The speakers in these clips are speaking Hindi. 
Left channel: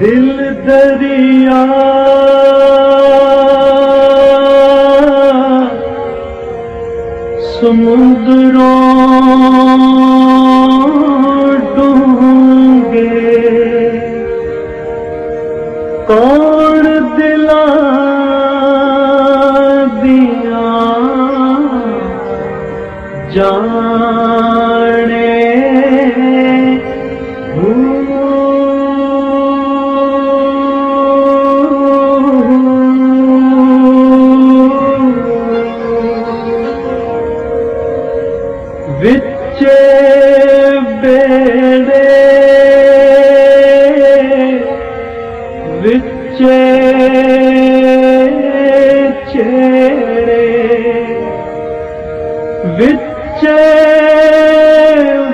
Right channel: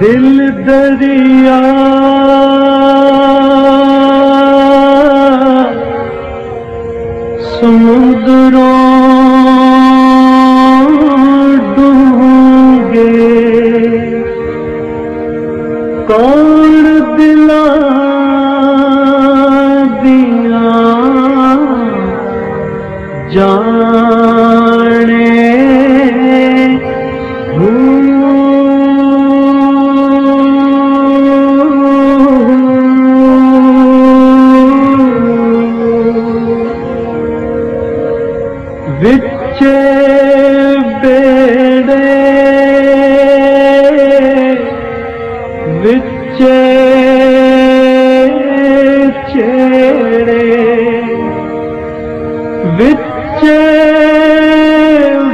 दिल दरिया समुद्रों डूंगे, कौन दिला दिया जाने। विचे बेड़े विचे चेड़े, विचे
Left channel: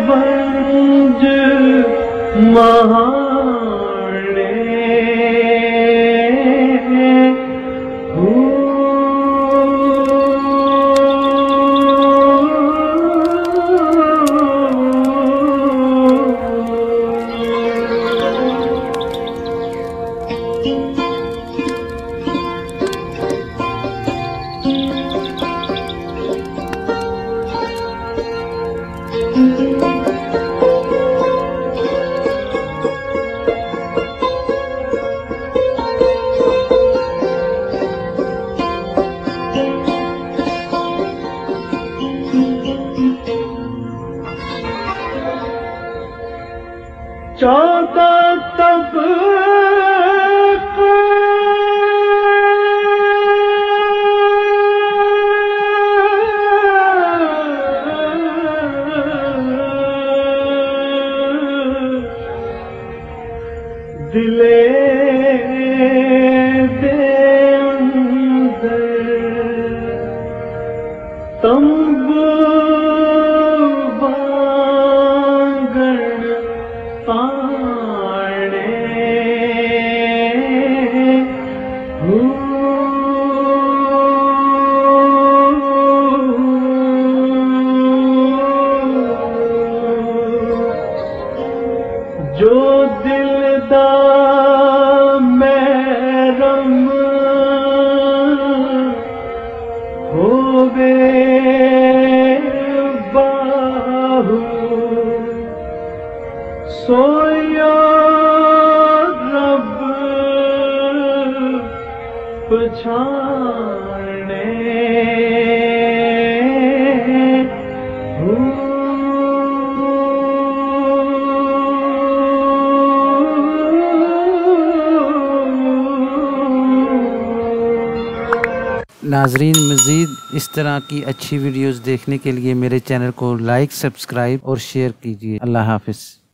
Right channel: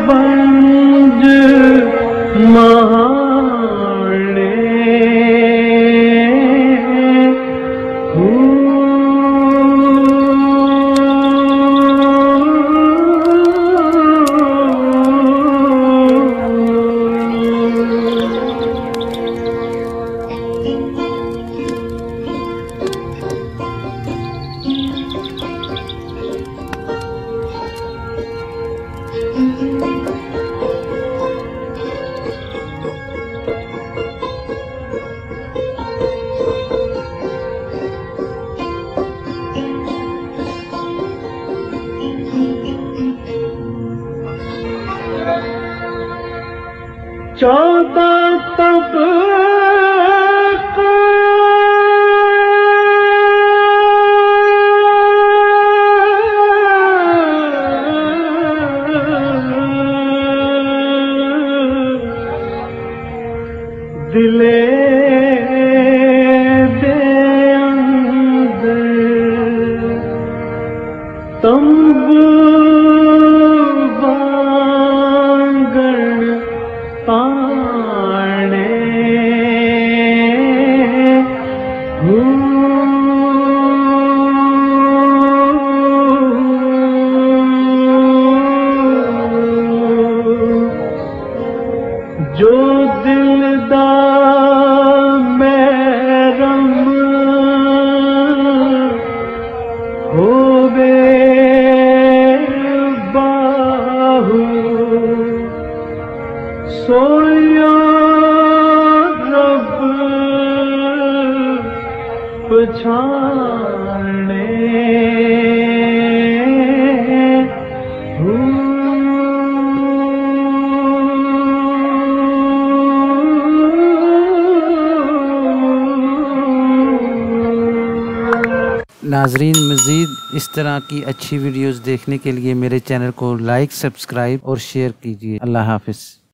वंज महाने। चौदह तब दिले दे अंदर तंबू वांगण ताने। जो दिलदा महरम होवे बाहु, सोया रब पछाने। नाजरीन, मज़ीद इस तरह की अच्छी वीडियोस देखने के लिए मेरे चैनल को लाइक, सब्सक्राइब और शेयर कीजिए। अल्लाह हाफ़िज़।